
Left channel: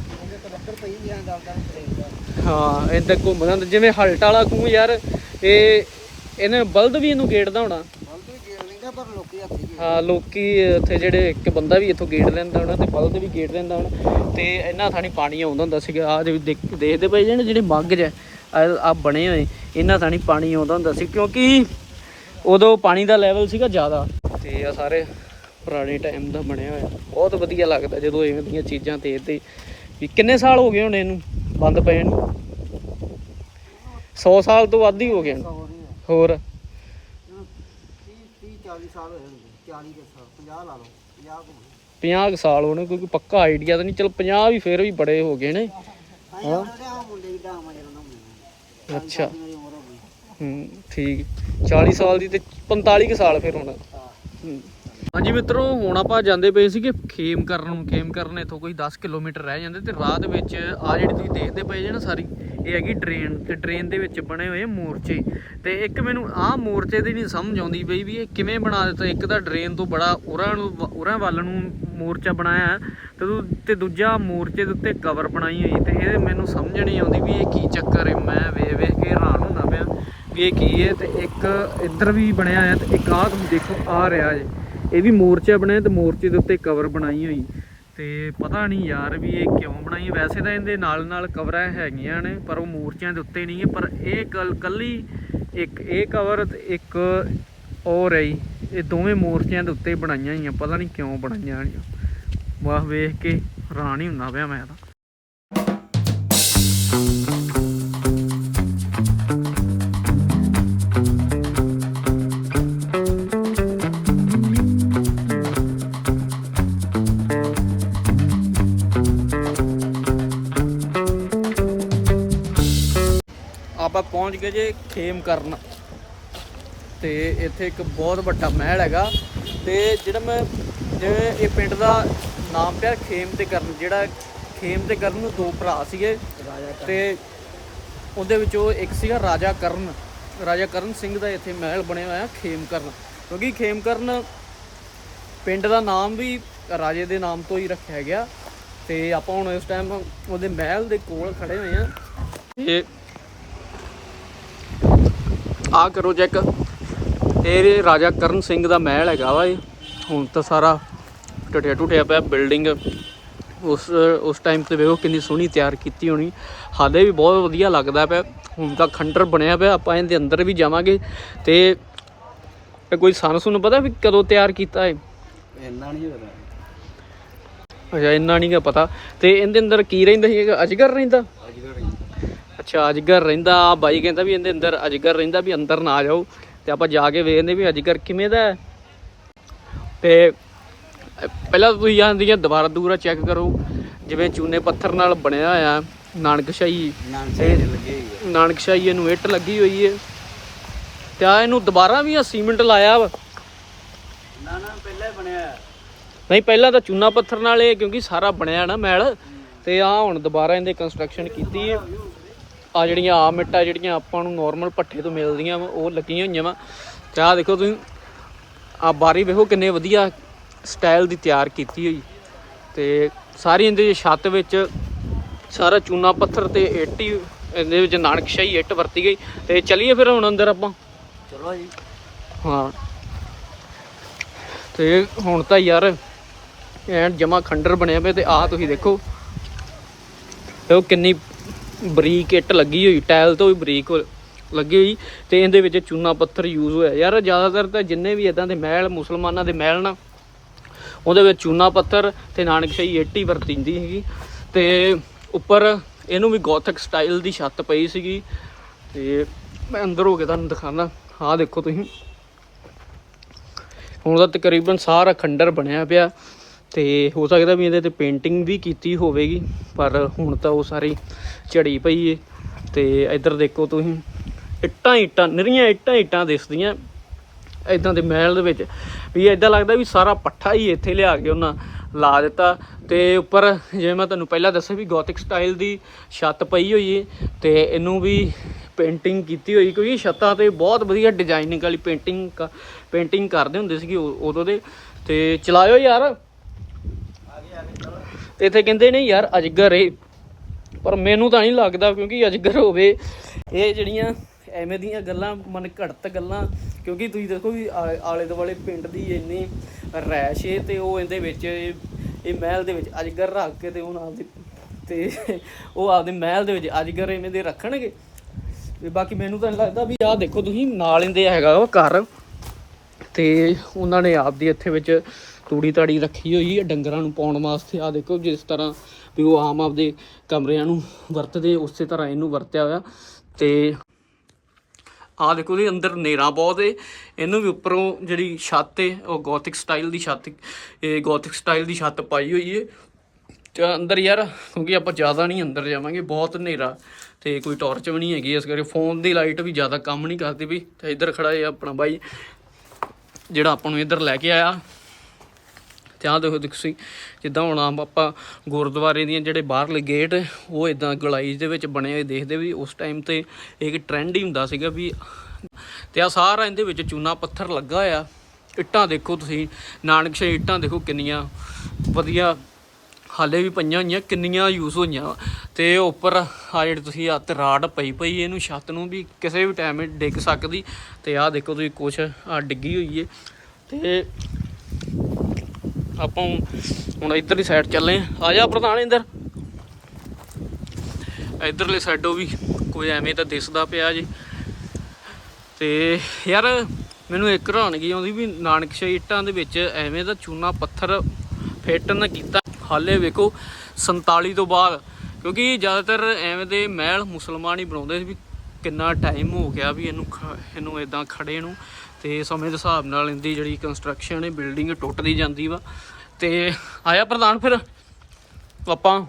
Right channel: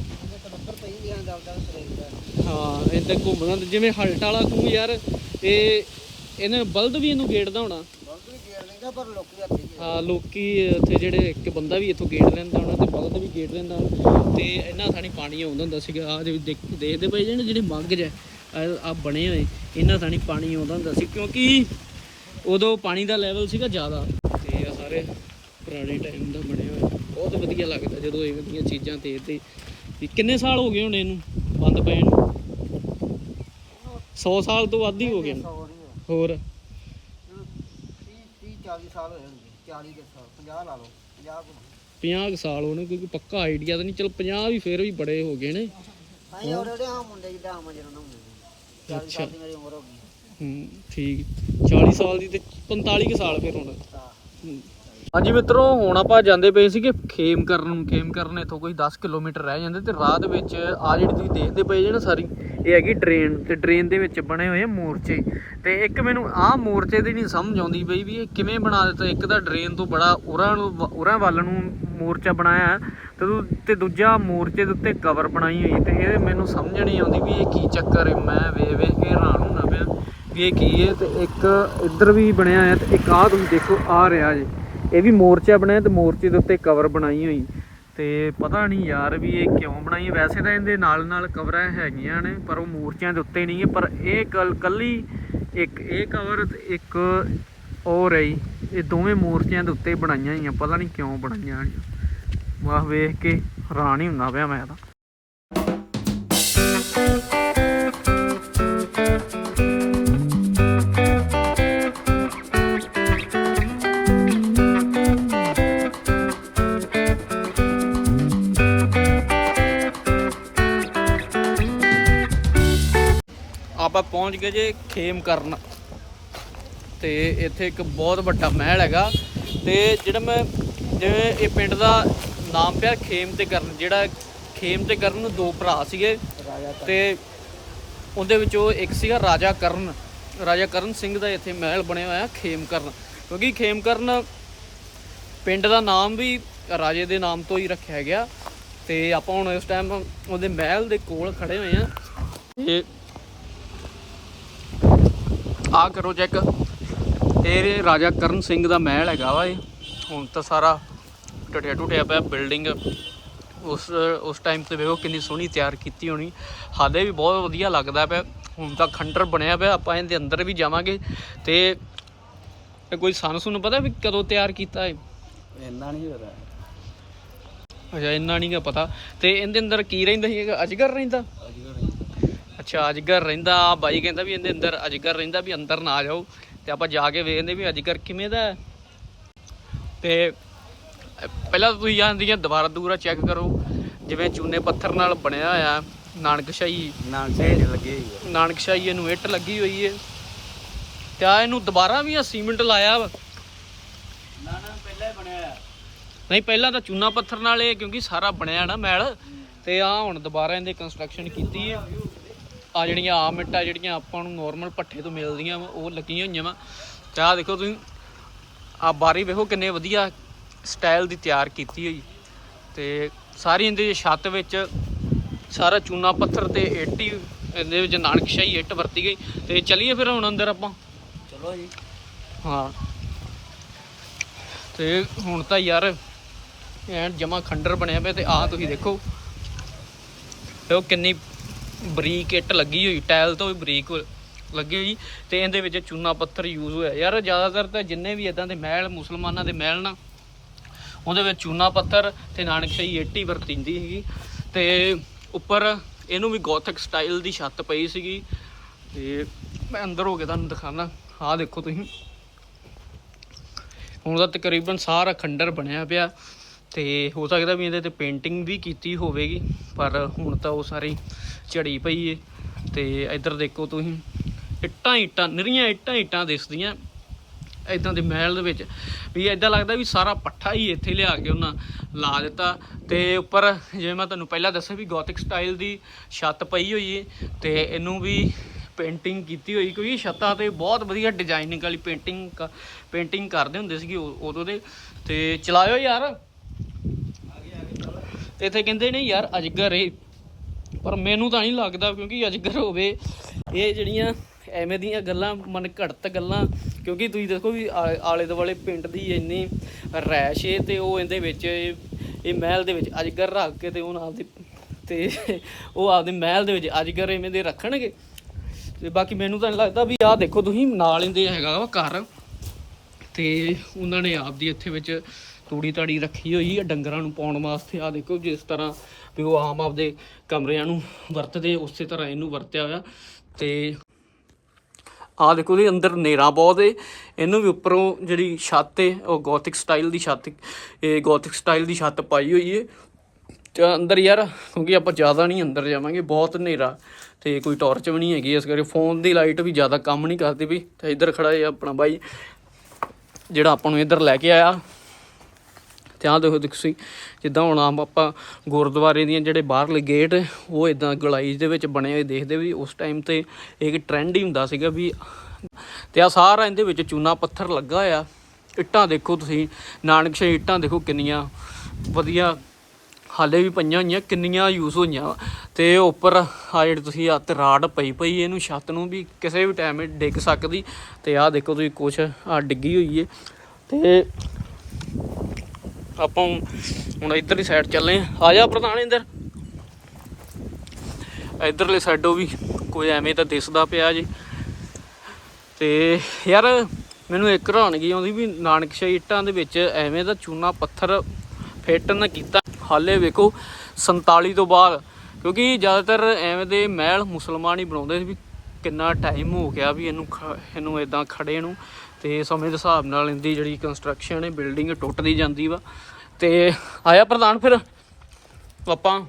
ਹਾਂ ਇਹ ਤਾਂ ਘੁੰਮਦਾ ਹੁੰਦਾ। ਜਿਵੇਂ ਹਲਟ ਵਾਲਾ ਖੂਹ ਯਾਰ ਇਹ ਇਹਨੇ ਬਲਦ ਵੀ ਇਹਨੂੰ ਗੇੜਦਾ ਹੋਣਾ। ਪਰ ਲੋਕੀ ਆਪਣੀ ਹਾਂ ਲੋਕੀ ਇੱਥੇ ਜਿਹੜੇ ਇੱਕ ਬੰਦਾ ਵੀ ਇੱਥੋਂ ਗੇੜ ਲੈਂਦਾ ਹੋਣਾ ਤੇ ਬਲਦ ਵੀ ਗੇੜ ਲੈਂਦਾ ਹੋਣਾ। ਤੇ ਇਹਨਾਂ ਥਾਣੀ ਪਾਣੀ ਆਉਂਦਾ ਹੁੰਦਾ ਸੀਗਾ। ਆ ਦੇਖਦੇ ਪਏ ਜਿਹੜੇ ਜਿਹੜੇ ਮੱਗ ਜ ਆ ਬਣੇ ਹੋਏ ਇਹਨਾਂ ਥਾਣੀ ਪਾਣੀ ਆਉਂਦਾ ਹੁੰਦਾ ਸੀ। ਕਿਉਂਕਿ ਉਦੋਂ ਪਾਣੀ ਦਾ ਲੈਵਲ ਸੀਗਾ ਜ਼ਿਆਦਾ। ਤੇ ਆ ਸਾਰੇ ਪੁਰਾਣੇ ਟਾਈਮ ਦਾ ਬਣਿਆ ਹੋਇਆ। ਬਹੁਤ ਵਧੀਆ ਲੱਗਦਾ ਜਦੋਂ ਇਵੇਂ ਦੀਆਂ ਚੀਜ਼ਾਂ ਤੇ ਤੇ। ਵੀ ਕਿੰਨੇ ਸਾਲ ਹੋ ਗਏ ਹੁਣ ਇਹਨੂੰ ਬੰਦ ਪਏ ਨੂੰ? 100 ਸਾਲ ਤੋਂ ਵੱਧ ਹੀ ਹੋ ਗਏ। ਹੋਰ? 30 30 40 ਸਾਲ ਹੋਏ ਹੋਣਗੇ 40 ਦੇ ਸਾਲ 50 ਲਾ ਲਓ 50 ਕੁ 50 ਕੁ ਸਾਲ ਹੋਣੇ ਕੋਈ ਪੱਕਾ ਆਈਡੀਆ ਤਾਂ ਨਹੀਂ। ਚਲ 50 ਵੀ ਫੇਰ ਵੀ ਬੜੇ ਹੋ ਗਏ ਨੇ। ਅੱਛਾ। ਹੋ ਠੀਕ। 40 ਸਾਲ ਦੀ ਤੇ 45 ਕੁ ਸਾਲ ਫਿਰ ਹੋਣਾ। ਹੂੰ। ਹਾਂਜੀ ਮਿੱਤਰੋ, ਹੁਣ ਆਪਾਂ ਜਾਂਦੇ ਪਏ ਸੀਗੇ ਖੇਮ ਕਰਨ ਨੂੰ। ਖੇਮ ਕਰਨ ਇੱਥੋਂ ਕੋਈ 10 ਕਿਲੋਮੀਟਰ ਰਹਿ ਜਾਂਦੇ ਤੇ ਰਾਹ ਦੇ ਵਿੱਚ ਆ ਜਿਹੜੀ ਤੁਸੀਂ ਦੇਖਦੇ ਪਏ ਜੇ ਨਾ ਸਾਰੀ, ਇਹ ਹੈਗੀ ਡਰੇਨ ਤੇ ਡਰੇਨ ਦੇ ਵਿੱਚ ਬਣੇ ਹੋਏ ਮੋਰਚੇ। ਤੇ ਇੱਕ ਮੈਨੂੰ ਆਹ ਮੋਰਚੇ ਦੀ ਨਹੀਂ ਸਮਝ ਆਉਂਦੀ ਬਈ ਵੀ ਇਹ ਕਿਵੇਂ ਬਣਾ ਦਿੱਤਾ। ਇੱਕ ਤਾਂ ਡਰੇਨ ਤੋਂ ਬੜਾ ਉਰਾਂ ਨੂੰ ਵ- ਉਰਾਂ ਵੱਲ ਨੂੰ ਮੋਰਚਾ ਬਣਾਇਆ ਹੈ ਤੇ ਤੇ ਦੂਜਾ ਮੋਰਚੇ ਦੇ ਉੱਤੇ ਕਵਰ ਬਣਾਈ ਹੋਈ ਤੇ ਇਹ ਮੈਨੂੰ ਸਮਝ ਨਹੀਂ ਆਉਂਦੀ ਵੀ ਇਹ ਕੀ ਚੱਕਰ ਹੈ। ਮੈਂ ਵੇਖ ਵੇਖ ਕੇ ਹੈਰਾਨ ਹੁੰਦਾ ਪਿਆ ਵੀ ਇਹ ਕੀ ਹੈ ਤੇ ਇੱਕ ਇੱਧਰ ਵੀ ਬਣਿਆ ਹੋਇਆ ਤੇ ਇੱਕ ਆਹ ਤੁਸੀਂ ਦੇਖੋ ਆ ਰਿਹਾ ਜੀ। ਇਹ ਵੀ ਮੋਰਚਾ ਬਣਿਆ ਤੇ ਮੋਰਚੇ ਦੇ ਉੱਤੇ ਕਵਰ ਬਣਾਈ ਹੋਈ। ਤੇ ਪਤਾ ਨਹੀਂ ਯਾਰ ਵੀ ਇਹ ਕਿਉਂ ਬਣਾਈ। ਵੈਸੇ ਤਾਂ ਇਹਦੇ ਨਾਲ ਨਾਲ ਕਵਰਾਂ ਹੈਗੀਆਂ ਨੇ, ਪਰ ਉਹ ਮੋਰਚਿਆਂ ਦੇ ਉੱਤੇ ਨਹੀਂ ਹੈ। ਪਰ ਇਹ ਕੱਲ ਕੱਲੀ ਇੱਕ, ਇਹ ਕਵਰ ਤੇ ਇੱਕ ਔਰ ਰਹੀ। ਇਹ ਦੋਵੇਂ ਮੋਰਚਿਆਂ ਦੇ ਉੱਤੇ ਬਣਾਈਆਂ ਹੋਈਆਂ। ਪਤਾ ਨਹੀਂ ਕਿਉਂ ਬਣਾਈਆਂ ਵਾਹ, ਵੇਖ ਕੇ ਹੈਰਾਨ ਹੀ ਹੁੰਦਾ ਪਿਆ ਮੈਂ ਤਾਂ। ਆਪਾਂ ਪਹੁੰਚ ਗਏ ਜੇ ਖੇਮ ਕਰਨ। ਤੇ ਇੱਥੇ ਇੱਕ ਬਹੁਤ ਵੱਡਾ ਮਹਿਲ ਹੈਗਾ। ਤੇ ਜਿਹੜਾ ਮੈਂ ਜਿਵੇਂ ਇਹ ਪਿੰਡ ਦਾ ਨਾਮ ਪਿਆ ਖੇਮ ਤੇ ਕਰਨ ਜਿਹੜਾ ਖੇਮ ਤੇ ਕਰਨ ਦੋ ਭਰਾ ਸੀਗੇ। ਰਾਜਾ ਤੇ ਉਹਦੇ ਵਿੱਚੋਂ ਇੱਕ ਸੀਗਾ ਰਾਜਾ ਕਰਨ। ਰਾਜਾ ਕਰਨ ਸਿੰਘ ਦਾ ਇੱਥੇ ਮਹਿਲ ਬਣਿਆ ਹੋਇਆ ਖੇਮ ਕਰਨ। ਕਿਉਂਕਿ ਖੇਮ ਕਰਨ ਪਿੰਡ ਦਾ ਨਾਮ ਵੀ ਰਾਜੇ ਦੇ ਨਾਮ ਤੋਂ ਹੀ ਰੱਖਿਆ ਗਿਆ। ਤੇ ਆਪਾਂ ਹੁਣ ਇਸ ਟਾਈਮ ਉਹਦੇ ਮਹਿਲ ਦੇ ਕੋਲ ਖੜੇ ਹੋਏ ਆ ਤੇ ਆ ਕਰੋ ਚੈੱਕ ਇਹ ਰਾਜਾ ਕਰਨ ਸਿੰਘ ਦਾ ਮਹਿਲ ਹੈਗਾ ਵਾ ਇਹ ਹੁਣ ਤਾਂ ਸਾਰਾ ਟੁੱਟਿਆ ਟੁੱਟਿਆ ਪਿਆ ਬਿਲਡਿੰਗ ਉਸ ਉਸ ਟਾਈਮ ਤੇ ਵੇਖੋ ਕਿੰਨੀ ਸੋਹਣੀ ਤਿਆਰ ਕੀਤੀ ਹੋਣੀ। ਹਾਲੇ ਵੀ ਬਹੁਤ ਵਧੀਆ ਲੱਗਦਾ ਪਿਆ। ਹੁਣ ਤਾਂ ਖੰਡਰ ਬਣਿਆ ਪਿਆ। ਆਪਾਂ ਇਹਦੇ ਅੰਦਰ ਵੀ ਜਾਵਾਂਗੇ। ਤੇ ਕੋਈ ਸਾਨੂੰ ਸੁਣ ਪਤਾ ਵੀ ਕਦੋਂ ਤਿਆਰ ਕੀਤਾ ਹੈ ਇੰਨਾ ਨਹੀਂ ਹੋਣਾ ਅੱਛਾ ਇੰਨਾ ਨਹੀਂ ਪਤਾ। ਤੇ ਇਹਦੇ ਅੰਦਰ ਕੀ ਰਹਿੰਦਾ ਸੀ? ਅਜਗਰ ਰਹਿੰਦਾ? ਅੱਜ ਕੱਲ੍ਹ ਅੱਛਾ ਅਜਗਰ ਰਹਿੰਦਾ ਬਾਈ ਕਹਿੰਦਾ ਵੀ ਇਹਦੇ ਅੰਦਰ ਅਜਗਰ ਰਹਿੰਦਾ ਵੀ ਅੰਦਰ ਨਾ ਜਾਓ। ਤੇ ਆਪਾਂ ਜਾ ਕੇ ਵੇਖਦੇ ਵੀ ਅਜਗਰ ਕਿਵੇਂ ਦਾ ਹੈ। ਤੇ ਪਹਿਲਾਂ ਤੁਸੀਂ ਜਾਂਦੀਆਂ ਦੁਬਾਰਾ ਦੂਰਾ ਚੈੱਕ ਕਰੋ। ਜਿਵੇਂ ਚੂਨੇ ਪੱਥਰ ਨਾਲ ਬਣਿਆ ਹੋਇਆ ਨਾਨਕਸ਼ਾਹੀ। ਨਾਮ ਚੇਂਜ ਲੱਗੇ ਹੋਈ ਹੈ ਨਾਨਕਸ਼ਾਹੀ ਇਹਨੂੰ ਇੱਟ ਲੱਗੀ ਹੋਈ ਹੈ ਤੇ ਆ ਇਹਨੂੰ ਦੁਬਾਰਾ ਵੀ ਆ ਸੀਮੈਂਟ ਲਾਇਆ ਵਾ। ਨਾ ਨਾ ਪਹਿਲਾਂ ਹੀ ਬਣਿਆ। ਨਹੀਂ ਪਹਿਲਾਂ ਤਾਂ ਚੂਨਾ ਪੱਥਰ ਨਾਲ ਇਹ ਕਿਉਂਕਿ ਸਾਰਾ ਬਣਿਆ ਨਾ ਮਹਿਲ ਤੇ ਆ ਹੁਣ ਦੁਬਾਰਾ ਇਹਦੇ ਕੰਸਟਰਕਸ਼ਨ ਕੀਤੀ ਹੈ ਆ ਜਿਹੜੀਆਂ ਆਮ ਇੱਟਾਂ ਜਿਹੜੀਆਂ ਆਪਾਂ ਨੂੰ ਨਾਰਮਲ ਪੱਠੇ ਤੋਂ ਮਿਲਦੀਆਂ ਉਹ ਲੱਗੀਆਂ ਹੋਈਆਂ ਵਾ। ਤੇ ਆ ਦੇਖੋ ਤੁਸੀਂ ਆ ਬਾਰੀ ਵੇਖੋ ਕਿੰਨੇ ਵਧੀਆ ਸਟਾਈਲ ਦੀ ਤਿਆਰ ਕੀਤੀ ਹੋਈ। ਤੇ ਸਾਰੀ ਇਹਦੇ ਛੱਤ ਵਿੱਚ ਸਾਰਾ ਚੂਨਾ ਪੱਥਰ ਤੇ ਇੱਟ ਹੀ ਇਹਦੇ ਵਿੱਚ ਨਾਨਕਸ਼ਾਹੀ ਇੱਟ ਵਰਤੀ ਗਈ। ਤੇ ਚਲਿਏ ਫਿਰ ਹੁਣ ਅੰਦਰ ਆਪਾਂ। ਚਲੋ ਜੀ। ਹਾਂ। ਤੇ ਹੁਣ ਤਾਂ ਯਾਰ ਐਨ ਜਮਾ ਖੰਡਰ ਬਣਿਆ ਪਿਆ ਤੇ ਆਹ ਤੁਸੀਂ ਦੇਖੋ। ਤੇ ਉਹ ਕਿੰਨੀ ਬਰੀਕ ਇੱਟ ਲੱਗੀ ਹੋਈ, ਟਾਇਲ ਤੋਂ ਵੀ ਬਰੀਕ ਲੱਗੀ ਹੋਈ ਤੇ ਇਹਦੇ ਵਿੱਚ ਚੂਨਾ ਪੱਥਰ ਯੂਜ਼ ਹੋਇਆ। ਯਾਰ ਜ਼ਿਆਦਾਤਰ ਤਾਂ ਜਿੰਨੇ ਵੀ ਇਦਾਂ ਦੇ ਮਹਿਲ, ਮੁਸਲਮਾਨਾਂ ਦੇ ਮਹਿਲ ਨਾ, ਉਹਦੇ ਵਿੱਚ ਚੂਨਾ ਪੱਥਰ ਤੇ ਨਾਨਕਸ਼ਾਹੀ ਇੱਟ ਹੀ ਵਰਤੀਂਦੀ ਸੀਗੀ ਤੇ ਉੱਪਰ ਇਹਨੂੰ ਵੀ ਗੋਥਿਕ ਸਟਾਈਲ ਦੀ ਛੱਤ ਪਈ ਸੀਗੀ ਤੇ ਮੈਂ ਅੰਦਰ ਹੋ ਕੇ ਤੁਹਾਨੂੰ ਦਿਖਾਣਾ ਆਹ ਦੇਖੋ ਤੁਸੀਂ। ਹੁਣ ਤਾਂ ਤਕਰੀਬਨ ਸਾਰਾ ਖੰਡਰ ਬਣਿਆ ਪਿਆ। ਤੇ ਹੋ ਸਕਦਾ ਵੀ ਇਹਦੇ ਤੇ ਪੇਂਟਿੰਗ ਵੀ ਕੀਤੀ ਹੋਵੇਗੀ, ਪਰ ਹੁਣ ਤਾਂ ਉਹ ਸਾਰੀ ਝੜੀ ਪਈ ਏ। ਤੇ ਇੱਧਰ ਦੇਖੋ ਤੁਸੀਂ, ਇੱਟਾਂ ਇੱਟਾਂ, ਨਿਰੀਆਂ ਇੱਟਾਂ ਇੱਟਾਂ ਦਿਸਦੀਆਂ। ਇਦਾਂ ਦੇ ਮਹਿਲ ਦੇ ਵਿੱਚ ਵੀ ਇਦਾਂ ਲੱਗਦਾ ਵੀ ਸਾਰਾ ਪੱਠਾ ਹੀ ਇੱਥੇ ਲਿਆ ਕੇ ਉਹਨਾਂ ਲਾ ਦਿੱਤਾ। ਤੇ ਉੱਪਰ ਜਿਵੇਂ ਮੈਂ ਤੁਹਾਨੂੰ ਪਹਿਲਾਂ ਦੱਸਿਆ ਵੀ ਗੋਥਿਕ ਸਟਾਈਲ ਦੀ ਛੱਤ ਪਈ ਹੋਈ ਏ ਤੇ ਇਹਨੂੰ ਵੀ ਪੇਂਟਿੰਗ ਕੀਤੀ ਹੋਈ, ਕਿਉਂਕਿ ਛੱਤਾਂ ਤੇ ਬਹੁਤ ਵਧੀਆ ਡਿਜ਼ਾਈਨਿੰਗ ਵਾਲੀ ਪੇਂਟਿੰਗ ਪੇਂਟਿੰਗ ਕਰਦੇ ਹੁੰਦੇ ਸੀਗੇ ਉ- ਉਦੋਂ ਦੇ। ਤੇ ਚਲਾਇਓ ਯਾਰ। ਤੇ ਇੱਥੇ ਕਹਿੰਦੇ ਨੇ, ਯਾਰ ਅਜਗਰ ਏ। ਪਰ ਮੈਨੂੰ ਤਾਂ ਨਹੀਂ ਲੱਗਦਾ ਕਿਉਂਕਿ ਅਜਗਰ ਹੋਵੇ, ਇਹ ਜਿਹੜੀਆਂ ਐਵੇਂ ਦੀਆਂ ਗੱਲਾਂ, ਮਨ ਘੜਤ ਗੱਲਾਂ, ਕਿਉਂਕਿ ਤੁਸੀਂ ਦੇਖੋ ਵੀ ਆਲੇ ਦੁਆਲੇ ਪਿੰਡ ਦੀ ਇੰਨੀ ਰੈਸ਼ ਏ ਤੇ ਉਹ ਇਹਦੇ ਵਿੱਚ, ਇਹ ਮਹਿਲ ਦੇ ਵਿੱਚ ਅਜਗਰ ਰੱਖ ਕੇ ਤੇ ਉਹ ਆਪਦੇ ਤੇ ਉਹ ਆਪਦੇ ਮਹਿਲ ਦੇ ਵਿੱਚ ਅਜਗਰ ਐਵੇਂ ਦੇ ਰੱਖਣਗੇ। ਤੇ ਬਾਕੀ ਮੈਨੂੰ ਤਾਂ ਨਹੀਂ ਲੱਗਦਾ ਵੀ ਆਹ ਦੇਖੋ ਤੁਸੀਂ ਨਾਲ ਇਹਦੇ ਹੈਗਾ ਉਹ ਘਰ, ਤੇ ਉਹਨਾਂ ਨੇ ਆਪਦੀ ਇੱਥੇ ਵਿੱਚ ਤੂੜੀ ਤਾੜੀ ਰੱਖੀ ਹੋਈ ਹੈ ਡੰਗਰਾਂ ਨੂੰ ਪਾਉਣ ਵਾਸਤੇ। ਆ ਦੇਖੋ ਜਿਸ ਤਰ੍ਹਾਂ ਵੀ ਉਹ ਆਮ ਆਪਦੇ ਕਮਰਿਆਂ ਨੂੰ ਵਰਤਦੇ, ਉਸੇ ਤਰ੍ਹਾਂ ਇਹਨੂੰ ਵਰਤਿਆ ਹੋਇਆ। ਤੇ ਆ ਦੇਖੋ ਇਹਦੇ ਅੰਦਰ ਨੇਰਾ ਬਹੁਤ ਏ। ਇਹਨੂੰ ਵੀ ਉੱਪਰੋਂ ਜਿਹੜੀ ਛੱਤ ਏ, ਉਹ ਗੋਥਿਕ ਸਟਾਈਲ ਦੀ ਛੱਤ, ਇਹ ਗੋਥਿਕ ਸਟਾਈਲ ਦੀ ਛੱਤ ਪਾਈ ਹੋਈ ਏ। ਤੇ ਅੰਦਰ ਯਾਰ, ਕਿਉਂਕਿ ਆਪਾਂ ਜ਼ਿਆਦਾ ਨਹੀਂ ਅੰਦਰ ਜਾਵਾਂਗੇ, ਬਹੁਤ ਹਨੇਰਾ। ਤੇ ਕੋਈ ਟਾਰਚ ਵੀ ਨਹੀਂ ਹੈਗੀ ਇਸ ਕਰਕੇ, ਫੋਨ ਦੀ ਲਾਈਟ ਵੀ ਜ਼ਿਆਦਾ ਕੰਮ ਨਹੀਂ ਕਰਦੀ ਵੀ ਤੇ ਇੱਧਰ ਖੜਾ ਹੈ ਆਪਣਾ ਬਾਈ, ਜਿਹੜਾ ਆਪਾਂ ਨੂੰ ਇੱਧਰ ਲੈ ਕੇ ਆਇਆ। ਤੇ ਆਹ ਦੇਖੋ ਤੁਸੀਂ, ਜਿੱਦਾਂ ਹੁਣ ਆਮ ਆਪਾਂ ਗੁਰਦੁਆਰੇ ਦੀਆਂ ਜਿਹੜੇ ਬਾਹਰਲੇ ਗੇਟ ਉਹ ਇਦਾਂ ਗਲਾਈਜ਼ ਦੇ ਵਿੱਚ ਬਣੇ ਹੋਏ ਦੇਖਦੇ ਵੀ ਉਸ ਟਾਈਮ ਤੇ ਇੱਕ ਟ੍ਰੈਂਡ ਹੀ ਹੁੰਦਾ ਸੀਗਾ ਵੀ ਤੇ ਆ ਸਾਰਾ ਇਹਦੇ ਵਿੱਚ ਚੂਨਾ ਪੱਥਰ ਲੱਗਾ ਆ ਇੱਟਾਂ ਦੇਖੋ ਤੁਸੀਂ ਨਾਨਕਸ਼ਾਹੀ ਇੱਟਾਂ ਦੇਖੋ ਕਿੰਨੀਆਂ, ਵਧੀਆ, ਹਾਲੇ ਵੀ ਪਈਆਂ ਹੋਈਆਂ, ਕਿੰਨੀਆਂ ਯੂਜ਼ ਹੋਈਆਂ ਵਾ। ਤੇ ਉੱਪਰ ਆ ਜਿਹੜੇ ਤੁਸੀਂ ਆ ਤੇ ਰਾੜ ਪਈ ਪਈ ਇਹਨੂੰ ਛੱਤ ਨੂੰ ਵੀ ਕਿਸੇ ਵੀ ਟਾਈਮ ਡਿੱਗ ਸਕਦੀ। ਤੇ ਆਹ ਦੇਖੋ ਤੁਸੀਂ ਕੁਛ ਆ ਡਿੱਗੀ ਹੋਈ ਏ। ਤੇ ਆਪਾਂ ਹੁਣ ਇਧਰਲੀ ਸਾਈਡ ਚੱਲੇ ਆ ਜਾ ਪ੍ਰਧਾਨ ਇੰਦਰ। ਇਧਰਲੇ ਸਾਈਡੋਂ ਵੀ ਕੋਈ ਐਵੇਂ ਤਾਂ ਦਿਸਦਾ ਪਿਆ ਜੀ। ਤੇ ਯਾਰ ਮੈਨੂੰ ਇੱਕ ਹੈਰਾਨਗੀ ਆਉਂਦੀ ਵੀ ਨਾਨਕਸ਼ਾਹੀ ਇੱਟਾਂ ਦੇ ਵਿੱਚ ਐਵੇਂ ਦਾ ਚੂਨਾ ਪੱਥਰ ਫਿੱਟ ਨਾ ਕੀਤਾ। ਹਾਲੇ ਵੇਖੋ 47 ਤੋਂ ਬਾਅਦ, ਕਿਉਂਕਿ ਜ਼ਿਆਦਾਤਰ ਐਵੇਂ ਦੇ ਮਹਿਲ ਮੁਸਲਮਾਨ ਹੀ ਬਣਾਉਂਦੇ ਸੀ ਵੀ ਕਿੰਨਾ ਟਾਈਮ ਹੋ ਗਿਆ ਵੀ ਇਹਨੂੰ ਇਹਨੂੰ ਇਦਾਂ ਖੜੇ ਨੂੰ। ਤੇ ਸਮੇਂ ਦੇ ਹਿਸਾਬ ਨਾਲ ਇਹਦੀ ਜਿਹੜੀ ਕੰਸਟਰਕਸ਼ਨ ਹੈ ਬਿਲਡਿੰਗ ਟੁੱਟਦੀ ਜਾਂਦੀ ਵਾ। ਤੇ ਆਇਆ ਪ੍ਰਧਾਨ ਫਿਰ? ਆਪਾਂ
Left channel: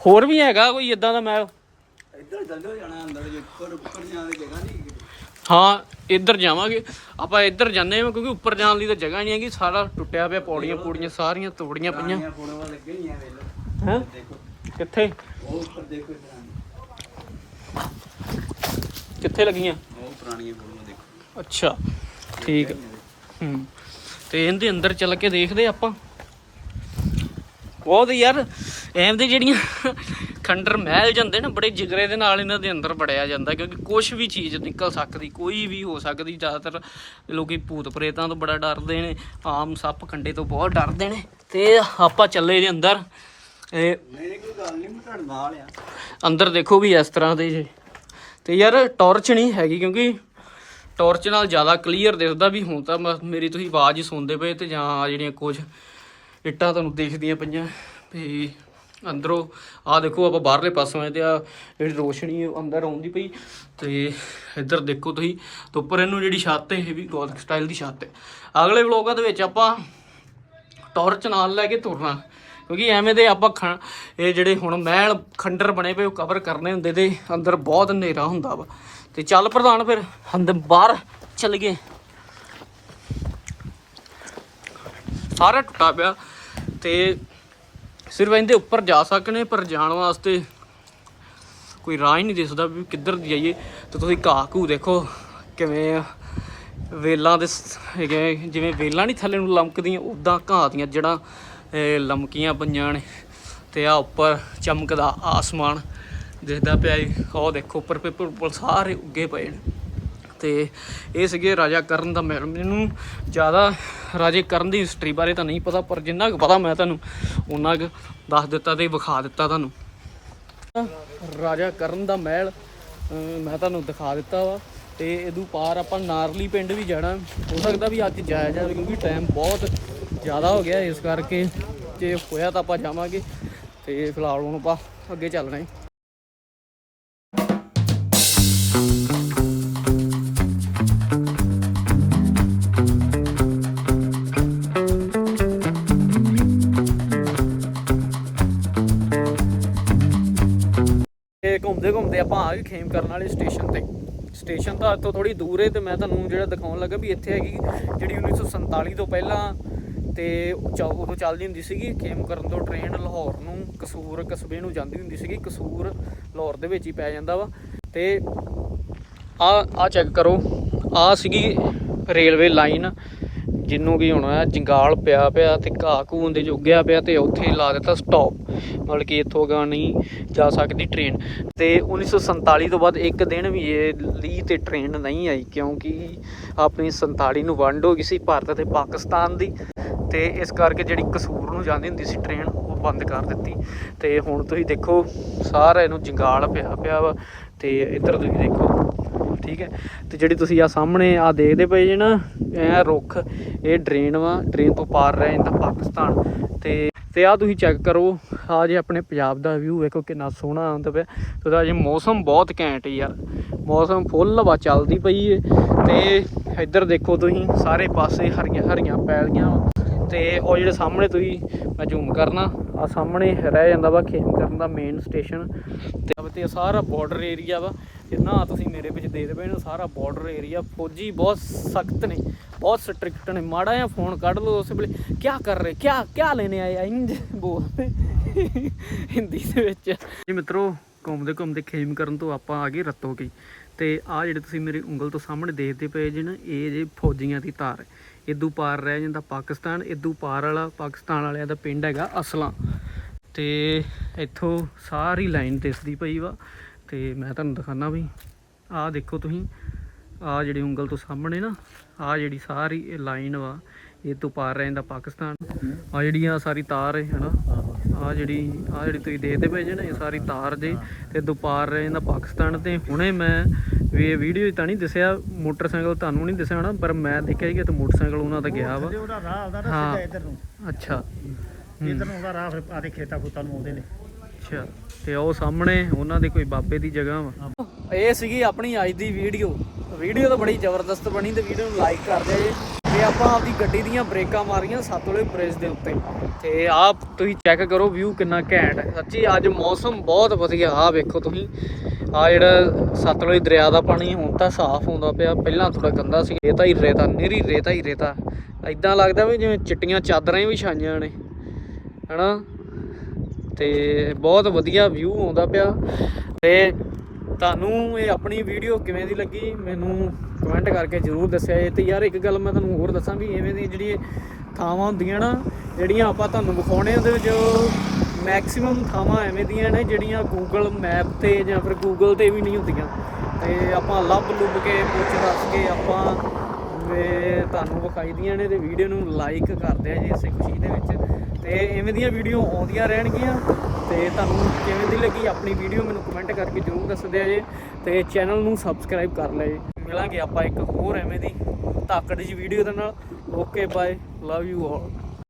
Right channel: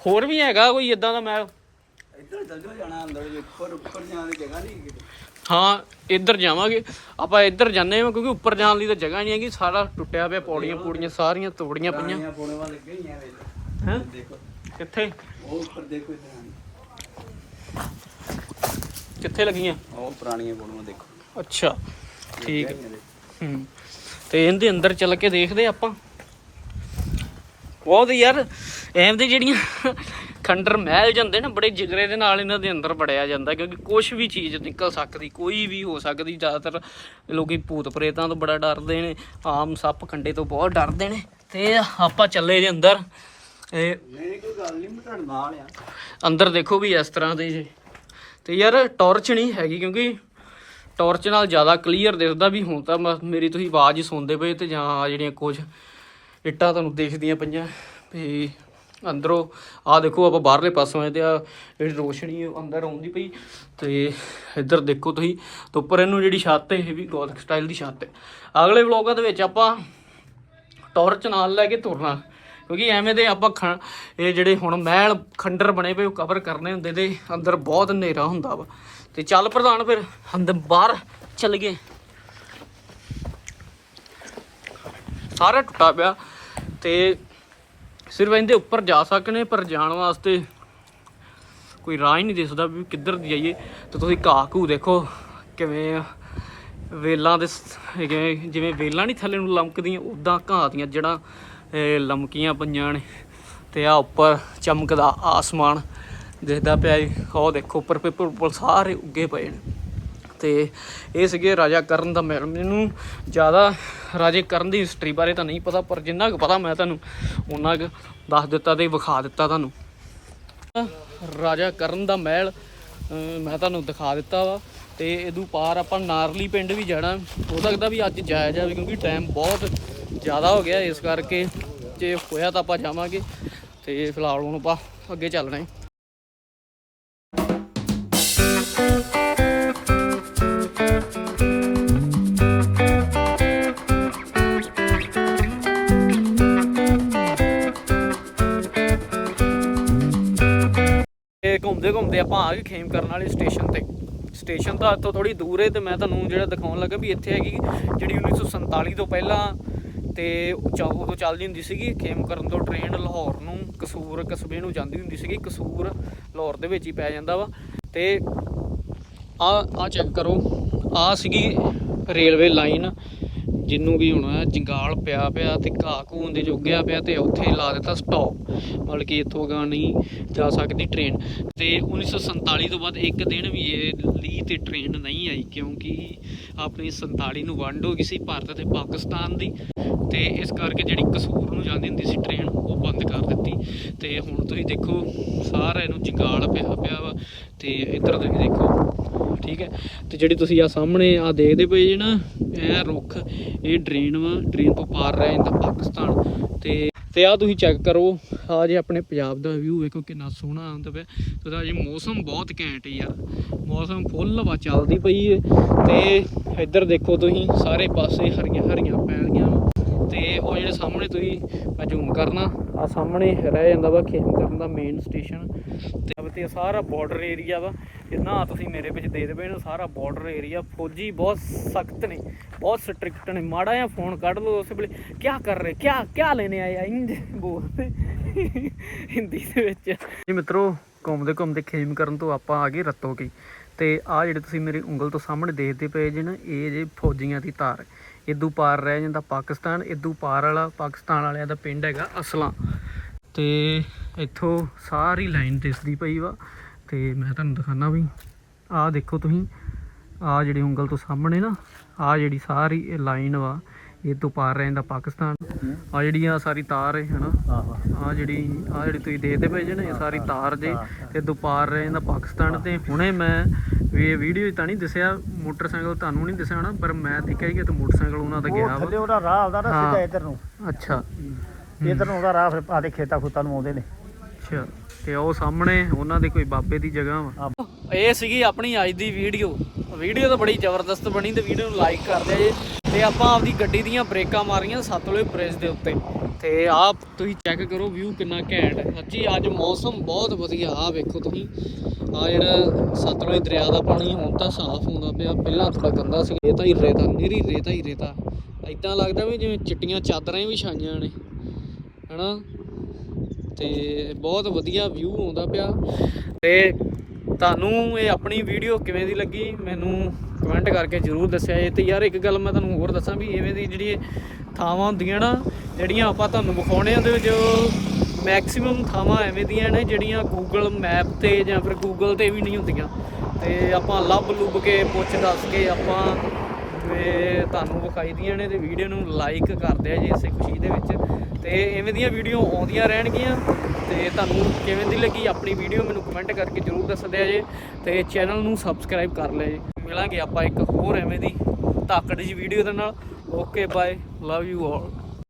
ਹੋਰ ਵੀ ਹੈਗਾ ਕੋਈ ਇਦਾਂ ਦਾ ਮਹਿਲ ਇੱਧਰ ਚੱਲੋ ਜਾਣਾ ਅੰਦਰ ਵੇਖੋ ਉੱਪਰ ਜਾਣ ਦੀ ਜਗ੍ਹਾ ਨਹੀਂ ਹਾਂ ਇੱਧਰ ਜਾਵਾਂਗੇ। ਆਪਾਂ ਇੱਧਰ ਜਾਂਦੇ ਹਾਂ ਕਿਉਂਕਿ ਉੱਪਰ ਜਾਣ ਦੀ ਤਾਂ ਜਗ੍ਹਾ ਨਹੀਂ ਹੈਗੀ। ਸਾਰਾ ਟੁੱਟਿਆ ਪਿਆ ਪੌੜੀਆਂ ਪੂੜੀਆਂ ਸਾਰੀਆਂ ਤੋੜੀਆਂ ਪਈਆਂ। ਹਾਂ? ਦੇਖੋ ਕਿੱਥੇ? ਉਹ ਉੱਪਰ ਦੇਖੋ ਕਿੱਥੇ ਲੱਗੀਆਂ? ਉਹ ਪੁਰਾਣੀਆਂ ਫੋਟੋਆਂ ਦੇਖੋ। ਅੱਛਾ। ਠੀਕ। ਹੈ। ਹੂੰ ਤੇ ਇਹਦੇ ਅੰਦਰ ਚੱਲ ਕੇ ਦੇਖਦੇ ਆਪਾਂ। ਬਹੁਤ ਯਾਰ ਐਮ ਦੇ ਜਿਹੜੀਆਂ ਖੰਡਰ ਮਹਿਲ ਜਾਂਦੇ ਨਾ ਬੜੇ ਜਿਗਰੇ ਦੇ ਨਾਲ ਇਹਨਾਂ ਦੇ ਅੰਦਰ ਵੜਿਆ ਜਾਂਦਾ ਕਿਉਂਕਿ ਕੁਝ ਵੀ ਚੀਜ਼ ਨਿਕਲ ਸਕਦੀ ਕੋਈ ਵੀ ਹੋ ਸਕਦੀ ਜ਼ਿਆਦਾਤਰ ਲੋਕੀ ਭੂਤ ਪ੍ਰੇਤਾਂ ਤੋਂ ਬੜਾ ਡਰਦੇ ਨੇ ਆਮ ਸੱਪ ਕੰਡੇ ਤੋਂ ਬਹੁਤ ਡਰਦੇ ਨੇ। ਤੇ ਆਪਾਂ ਚੱਲੇ ਦੇ ਅੰਦਰ। ਇਹ ਨਹੀਂ ਕੋਈ ਗੱਲ ਨਹੀਂ ਮੈਂ ਤੁਹਾਡੇ ਨਾਲ ਆ। ਅੰਦਰ ਦੇਖੋ ਵੀ ਇਸ ਤਰ੍ਹਾਂ ਦੇ ਇਹ। ਤੇ ਯਾਰ ਟਾਰਚ ਨਹੀਂ ਹੈਗੀ ਕਿਉਂਕਿ ਟਾਰਚ ਨਾਲ ਜ਼ਿਆਦਾ ਕਲੀਅਰ ਦਿਸਦਾ ਵੀ ਹੁਣ ਤਾਂ ਮੇਰੀ ਤੁਸੀਂ ਆਵਾਜ਼ ਹੀ ਸੁਣਦੇ ਪਏ ਤੇ ਜਾਂ ਆਹ ਜਿਹੜੀਆਂ ਕੁਝ ਇੱਟਾਂ ਤੁਹਾਨੂੰ ਦੇਖਦੀਆਂ ਪਈਆਂ ਵੀ ਅੰਦਰੋਂ ਆ ਦੇਖੋ ਆਪਾਂ ਬਾਹਰਲੇ ਪਾਸੋਂ ਆਏ ਤੇ ਆ ਜਿਹੜੀ ਰੋਸ਼ਨੀ ਅੰਦਰ ਆਉਂਦੀ ਪਈ ਤੇ ਇੱਧਰ ਦੇਖੋ ਤੁਸੀਂ, ਤੇ ਉੱਪਰ ਇਹਨੂੰ ਜਿਹੜੀ ਛੱਤ ਹੈ, ਇਹ ਵੀ ਗੋਥਿਕ ਸਟਾਈਲ ਦੀ ਛੱਤ ਹੈ। ਅਗਲੇ ਵਲੋਗਾਂ ਦੇ ਵਿੱਚ ਆਪਾਂ ਟਾਰਚ ਨਾਲ ਲੈ ਕੇ ਤੁਰਨਾ, ਕਿਉਂਕਿ ਐਵੇਂ ਦੇ ਆਪਾਂ ਖ- ਇਹ ਜਿਹੜੇ ਹੁਣ ਮਹਿਲ ਖੰਡਰ ਬਣੇ ਪਏ, ਉਹ ਕਵਰ ਕਰਨੇ ਹੁੰਦੇ ਤੇ ਅੰਦਰ ਬਹੁਤ ਹਨੇਰਾ ਹੁੰਦਾ ਵਾ। ਤੇ ਚੱਲ ਪ੍ਰਧਾਨ ਫਿਰ ਅੰਦਰ ਬਾਹਰ ਚੱਲ ਗਏ। ਸਾਰਾ ਟੁੱਟਾ ਪਿਆ ਤੇ ਸਿਰਫ ਇਹਦੇ ਉੱਪਰ ਜਾ ਸਕਨੇ ਪਰ ਜਾਣ ਵਾਸਤੇ ਕੋਈ ਰਾਹ ਹੀ ਨਹੀਂ ਦਿਸਦਾ ਵੀ ਕਿੱਧਰ ਜਾਈਏ। ਤੇ ਤੁਸੀਂ ਘਾਹ ਘੂ ਦੇਖੋ, ਕਿਵੇਂ ਵੇਲਾਂ ਦੇ ਹੈਗੇ ਜਿਵੇਂ ਵੇਲਾਂ ਨਹੀਂ ਥੱਲੇ ਨੂੰ ਲਮਕਦੀਆਂ ਉਦਾਂ ਘਾਹ ਦੀਆਂ ਜੜਾਂ ਲਮਕੀਆਂ ਪਈਆਂ ਨੇ। ਤੇ ਆ ਉੱਪਰ ਚਮਕਦਾ ਆਸਮਾਨ। ਦਿਖਦਾ ਪਿਆ ਜੀ। ਉਹ ਦੇਖੋ, ਉੱਪਰ ਪੇਪਰ ਉੱਪਰ ਸਾਰੇ ਉੱਗੇ ਪਏ ਨੇ। ਤੇ ਇਹ ਸੀਗੇ ਰਾਜਾ ਕਰਨ ਦਾ ਮਹਿਲ। ਮੈਨੂੰ ਜ਼ਿਆਦਾ ਰਾਜੇ ਕਰਨ ਦੀ ਹਿਸਟਰੀ ਬਾਰੇ ਤਾਂ ਨਹੀਂ ਪਤਾ, ਪਰ ਜਿੰਨਾ ਕੁ ਪਤਾ ਮੈਂ ਤੁਹਾਨੂੰ ਉਹਨਾਂ ਕੁ ਦੱਸ ਦਿੱਤਾ ਤੇ ਵਿਖਾ ਦਿੱਤਾ ਤੁਹਾਨੂੰ। ਰਾਜਾ ਕਰਨ ਦਾ ਮਹਿਲ ਮੈਂ ਤੁਹਾਨੂੰ ਦਿਖਾ ਦਿੱਤਾ ਵਾ। ਤੇ ਇਹਦੂ ਪਾਰ ਆਪਾਂ ਨਾਰਲੀ ਪਿੰਡ ਵੀ ਜਾਣਾ। ਹੋ ਸਕਦਾ ਵੀ ਅੱਜ ਜਾਇਆ ਜਾਵੇ, ਕਿਉਂਕਿ ਟਾਈਮ ਬਹੁਤ ਜ਼ਿਆਦਾ ਹੋ ਗਿਆ ਇਸ ਕਰਕੇ। ਜੇ ਹੋਇਆ ਤਾਂ ਆਪਾਂ ਜਾਵਾਂਗੇ। ਤੇ ਫਿਲਹਾਲ ਹੁਣ ਆਪਾਂ ਅੱਗੇ ਚੱਲਣਾ ਹੈ। ਘੁੰਮਦੇ ਘੁੰਮਦੇ ਆਪਾਂ ਆ ਗਏ ਖੇਮ ਕਰਨ ਵਾਲੇ ਸਟੇਸ਼ਨ ਤੇ। ਸਟੇਸ਼ਨ ਤਾਂ ਇੱਥੋਂ ਥੋੜੀ ਦੂਰ ਹੈ ਤੇ ਮੈਂ ਤੁਹਾਨੂੰ ਜਿਹੜਾ ਦਿਖਾਉਣ ਲੱਗਾ ਵੀ ਇੱਥੇ ਹੈਗੀ ਜਿਹੜੀ 1947 ਤੋਂ ਪਹਿਲਾਂ ਤੇ ਉਹ ਉਦੋਂ ਚੱਲਦੀ ਹੁੰਦੀ ਸੀਗੀ ਖੇਮ ਕਰਨ ਤੋਂ ਟ੍ਰੇਨ ਲਾਹੌਰ ਨੂੰ, ਕਸੂਰ, ਕਸਬੇ ਨੂੰ ਜਾਂਦੀ ਹੁੰਦੀ ਸੀਗੀ। ਕਸੂਰ ਲਾਹੌਰ ਦੇ ਵਿੱਚ ਹੀ ਪੈ ਜਾਂਦਾ ਵਾ। ਤੇ ਆ ਆ ਚੈੱਕ ਕਰੋ। ਆ ਸੀਗੀ ਰੇਲਵੇ ਲਾਈਨ ਜਿੰਨੂੰ ਵੀ ਹੋਣਾ ਜੰਗਾਲ ਪਿਆ ਪਿਆ ਤੇ ਘਾਹ ਘੂੰ ਦੇ ਜੋਗਿਆ ਪਿਆ ਤੇ ਉੱਥੇ ਲਾ ਦਿੱਤਾ ਸਟਾਪ ਮਤਲਬ ਕਿ ਇੱਥੋਂ ਅਗਾਂਹ ਨਹੀਂ ਜਾ ਸਕਦੀ ਟ੍ਰੇਨ ਤੇ 1947 ਤੋਂ ਬਾਅਦ ਇੱਕ ਦਿਨ ਵੀ ਇਹ ਲੀ ਤੇ ਟ੍ਰੇਨ ਨਹੀਂ ਆਈ ਕਿਉਂਕਿ ਆਪਣੀ 47 ਨੂੰ ਵੰਡ ਹੋ ਗਈ ਸੀ ਭਾਰਤ ਤੇ ਪਾਕਿਸਤਾਨ ਦੀ। ਤੇ ਇਸ ਕਰਕੇ ਜਿਹੜੀ ਕਸੂਰ ਨੂੰ ਜਾਂਦੀ ਹੁੰਦੀ ਸੀ ਟ੍ਰੇਨ ਉਹ ਬੰਦ ਕਰ ਦਿੱਤੀ। ਤੇ ਹੁਣ ਤੁਸੀਂ ਦੇਖੋ ਸਾਰਾ ਇਹਨੂੰ ਜੰਗਾਲ ਪਿਆ ਪਿਆ ਵਾ। ਤੇ ਇੱਧਰ ਤੁਸੀਂ ਦੇਖੋ ਠੀਕ ਹੈ? ਤੇ ਜਿਹੜੀ ਤੁਸੀਂ ਆ ਸਾਹਮਣੇ ਆ ਦੇਖਦੇ ਪਏ ਜੇ ਨਾ, ਇਹ ਰੁੱਖ, ਇਹ ਡਰੇਨ ਵਾ, ਡਰੇਨ ਤੋਂ ਪਾਰ ਰਹਿ ਜਾਂਦਾ ਪਾਕਿਸਤਾਨ। ਤੇ ਤੇ ਆ ਤੁਸੀਂ ਚੈੱਕ ਕਰੋ ਆ ਜੇ ਆਪਣੇ ਪੰਜਾਬ ਦਾ ਵਿਊ ਵੇਖੋ ਕਿੰਨਾ ਸੋਹਣਾ ਆਉਂਦਾ ਪਿਆ। ਤੇ ਉਹਦਾ ਜੇ ਮੌਸਮ ਬਹੁਤ ਘੈਂਟ ਯਾਰ। ਮੌਸਮ ਫੁੱਲ ਹਵਾ ਚੱਲਦੀ ਪਈ ਏ। ਤੇ ਇੱਧਰ ਦੇਖੋ ਤੁਸੀਂ, ਸਾਰੇ ਪਾਸੇ ਹਰੀਆਂ ਹਰੀਆਂ ਪੈਲੀਆਂ ਵਾਂ। ਤੇ ਉਹ ਜਿਹੜੇ ਸਾਹਮਣੇ ਤੁਸੀਂ, ਮੈਂ ਜ਼ੂਮ ਕਰਨਾ ਆ ਸਾਹਮਣੇ ਰਹਿ ਜਾਂਦਾ ਵਾ ਖੇਮ ਕਰਨ ਦਾ ਮੇਨ ਸਟੇਸ਼ਨ ਤੇ ਤੇ ਸਾਰਾ ਬਾਰਡਰ ਏਰੀਆ ਵਾ। ਜਿੰਨਾ ਤੁਸੀਂ ਮੇਰੇ ਵਿੱਚ ਦੇ ਦੇਵੇ ਨਾ ਸਾਰਾ ਬਾਰਡਰ ਏਰੀਆ ਫੌਜੀ ਬਹੁਤ ਸਖਤ ਨੇ, ਬਹੁਤ ਸਟ੍ਰਿਕਟ ਨੇ। ਮਾੜਾ ਜਿਹਾ ਫੋਨ ਕੱਢ ਲਓ ਉਸ ਵੇਲੇ। ਕੀ ਕਰ ਰਹੇ? ਕੀ ਕੀ ਲੈਣੇ ਆਏ? ਆ ਇੰਜ ਬੋਲਦੇ ਹਿੰਦੀ ਦੇ ਵਿੱਚ। ਜੀ ਮਿੱਤਰੋ, ਘੁੰਮਦੇ ਘੁੰਮਦੇ ਖੇਮ ਕਰਨ ਤੋਂ ਆਪਾਂ ਆ ਗਏ ਰੱਤੋ ਕੀ। ਤੇ ਆ ਜਿਹੜੇ ਤੁਸੀਂ ਮੇਰੀ ਉਂਗਲ ਤੋਂ ਸਾਹਮਣੇ ਦੇਖਦੇ ਪਏ ਜੇ ਨਾ, ਇਹ ਜੇ ਫੌਜੀਆਂ ਦੀ ਧਾਰ ਇਦੋਂ ਪਾਰ ਰਹਿ ਜਾਂਦਾ ਪਾਕਿਸਤਾਨ ਇਦੋਂ ਪਾਰ ਵਾਲਾ ਪਾਕਿਸਤਾਨ ਵਾਲਿਆਂ ਦਾ ਪਿੰਡ ਹੈਗਾ ਅਸਲਾਂ। ਤੇ ਇੱਥੋਂ ਸਾਰੀ ਲਾਈਨ ਦਿਸਦੀ ਪਈ ਵਾ ਤੇ ਮੈਂ ਤੁਹਾਨੂੰ ਦਿਖਾਣਾ ਵੀ ਆਹ ਦੇਖੋ ਤੁਸੀਂ ਆਹ ਜਿਹੜੀ ਉਂਗਲ ਤੋਂ ਸਾਹਮਣੇ ਨਾ ਆਹ ਜਿਹੜੀ ਸਾਰੀ ਇਹ ਲਾਈਨ ਵਾ ਇਹ ਤੋਂ ਪਾਰ ਰਹਿ ਜਾਂਦਾ ਪਾਕਿਸਤਾਨ। ਆ ਜਿਹੜੀ ਆ ਸਾਰੀ ਤਾਰ ਹੈ ਹਨਾ? ਆ ਜਿਹੜੀ ਆ ਜਿਹੜੀ ਤੁਸੀਂ ਦੇਖਦੇ ਪਏ ਜੇ ਨਾ ਇਹ ਸਾਰੀ ਤਾਰ ਜੇ ਤੇ ਦੁਪਾਰ ਰਹਿ ਜਾਂਦਾ ਪਾਕਿਸਤਾਨ ਤੇ। ਹੁਣੇ ਮੈਂ ਵੀ ਇਹ ਵੀਡੀਓ ਤਾਂ ਨਹੀਂ ਦੱਸਿਆ ਮੋਟਰਸਾਈਕਲ ਤੁਹਾਨੂੰ ਨਹੀਂ ਦੱਸਿਆ ਹੋਣਾ ਪਰ ਮੈਂ ਦੇਖਿਆ ਕਿ ਤੇ ਮੋਟਰਸਾਈਕਲ ਉਹਨਾਂ ਦਾ ਗਿਆ ਥੱਲੇ ਵਾ ਉਹਦਾ ਰਾਹ ਆਉਂਦਾ ਨਾ ਹਾਂ। ਸਿੱਧਾ ਇੱਧਰ ਨੂੰ। ਅੱਛਾ। ਇੱਧਰ ਨੂੰ ਉਹਦਾ ਰਾਹ ਫਿਰ ਆਦੇ ਖੇਤਾਂ ਖੁੱਤਾਂ ਨੂੰ ਆਉਂਦੇ ਨੇ। ਅੱਛਾ। ਤੇ ਉਹ ਸਾਹਮਣੇ ਉਹਨਾਂ ਦੇ ਕੋਈ ਬਾਬੇ ਦੀ ਜਗ੍ਹਾ ਵਾ। ਇਹ ਸੀਗੀ ਆਪਣੀ ਅੱਜ ਦੀ ਵੀਡੀਓ। ਵੀਡੀਓ ਤਾਂ ਬੜੀ ਜ਼ਬਰਦਸਤ ਬਣੀ ਤੇ ਵੀਡੀਓ ਨੂੰ ਲਾਈਕ ਕਰ ਦਿਓ ਜੀ। ਤੇ ਆਪਾਂ ਆਪਦੀ ਗੱਡੀ ਦੀਆਂ ਬ੍ਰੇਕਾਂ ਮਾਰੀਆਂ ਸਤਲੁਜ ਬ੍ਰਿਜ ਦੇ ਉੱਤੇ। ਤੇ ਆਹ ਤੁਸੀਂ ਚੈੱਕ ਕਰੋ ਵਿਊ ਕਿੰਨਾ ਘੈਂਟ ਹੈ। ਸੱਚੀ ਅੱਜ ਮੌਸਮ ਬਹੁਤ ਵਧੀਆ। ਆ ਵੇਖੋ ਤੁਸੀਂ। ਆ ਜਿਹੜਾ ਸਤਲੁਜ ਦਰਿਆ ਦਾ ਪਾਣੀ ਹੁਣ ਤਾਂ ਸਾਫ਼ ਆਉਂਦਾ ਪਿਆ, ਪਹਿਲਾਂ ਥੋੜਾ ਗੰਦਾ ਸੀ ਰੇਤਾ ਹੀ ਰੇਤਾ ਨਿਰੀ ਰੇਤਾ ਹੀ ਰੇਤਾ। ਐਦਾਂ ਲੱਗਦਾ ਵੀ ਜਿਵੇਂ ਚਿੱਟੀਆਂ ਚਾਦਰਾਂ ਹੀ ਵਿਛਾਈਆਂ ਨੇ, ਹਨਾ? ਤੇ ਬਹੁਤ ਵਧੀਆ ਵਿਊ ਆਉਂਦਾ ਪਿਆ। ਤੇ ਤੁਹਾਨੂੰ ਇਹ ਆਪਣੀ ਵੀਡੀਓ ਕਿਵੇਂ ਦੀ ਲੱਗੀ, ਮੈਨੂੰ ਕਮੈਂਟ ਕਰਕੇ ਜਰੂਰ ਦੱਸਿਆ ਜੇ। ਤੇ ਯਾਰ ਇੱਕ ਗੱਲ ਮੈਂ ਤੁਹਾਨੂੰ ਹੋਰ ਦੱਸਾਂ ਵੀ ਐਵੇਂ ਦੀ ਜਿਹੜੀ ਥਾਵਾਂ ਹੁੰਦੀਆਂ ਨਾ, ਜਿਹੜੀਆਂ ਆਪਾਂ ਤੁਹਾਨੂੰ ਵਿਖਾਉਣੇ ਉਹਦੇ ਵਿੱਚ ਮੈਕਸਿਮਮ ਥਾਵਾਂ ਐਵੇਂ ਦੀਆਂ ਨੇ ਜਿਹੜੀਆਂ ਗੂਗਲ ਮੈਪ ਤੇ ਜਾਂ ਫਿਰ ਗੂਗਲ ਤੇ ਵੀ ਨਹੀਂ ਹੁੰਦੀਆਂ। ਤੇ ਆਪਾਂ ਲੱਭ ਲੁੱਭ ਕੇ, ਪੁੱਛ ਦੱਸ ਕੇ ਆਪਾਂ ਤੁਹਾਨੂੰ ਵਿਖਾਈ ਦੀਆਂ ਨੇ ਤੇ ਵੀਡੀਓ ਨੂੰ ਲਾਈਕ ਕਰ ਦਿਆ ਜੇ ਇਸੇ ਖੁਸ਼ੀ ਦੇ ਵਿੱਚ। ਤੇ ਐਵੇਂ ਦੀਆਂ ਵੀਡੀਓ ਆਉਂਦੀਆਂ ਰਹਿਣਗੀਆਂ। ਤੇ ਤੁਹਾਨੂੰ ਕਿਵੇਂ ਦੀ ਲੱਗੀ ਆਪਣੀ ਵੀਡੀਓ ਮੈਨੂੰ ਕਮੈਂਟ ਕਰਕੇ ਜਰੂਰ ਦੱਸ ਦਿਆ ਜੇ। ਤੇ ਚੈਨਲ ਨੂੰ ਸਬਸਕ੍ਰਾਈਬ ਕਰ ਲਿਆ ਜੇ। ਮਿਲਾਂਗੇ ਆਪਾਂ ਇੱਕ ਹੋਰ ਐਵੇਂ ਦੀ ਤਾਕੜ ਜੀ ਵੀਡੀਓ ਦੇ ਨਾਲ। Okay bye love you all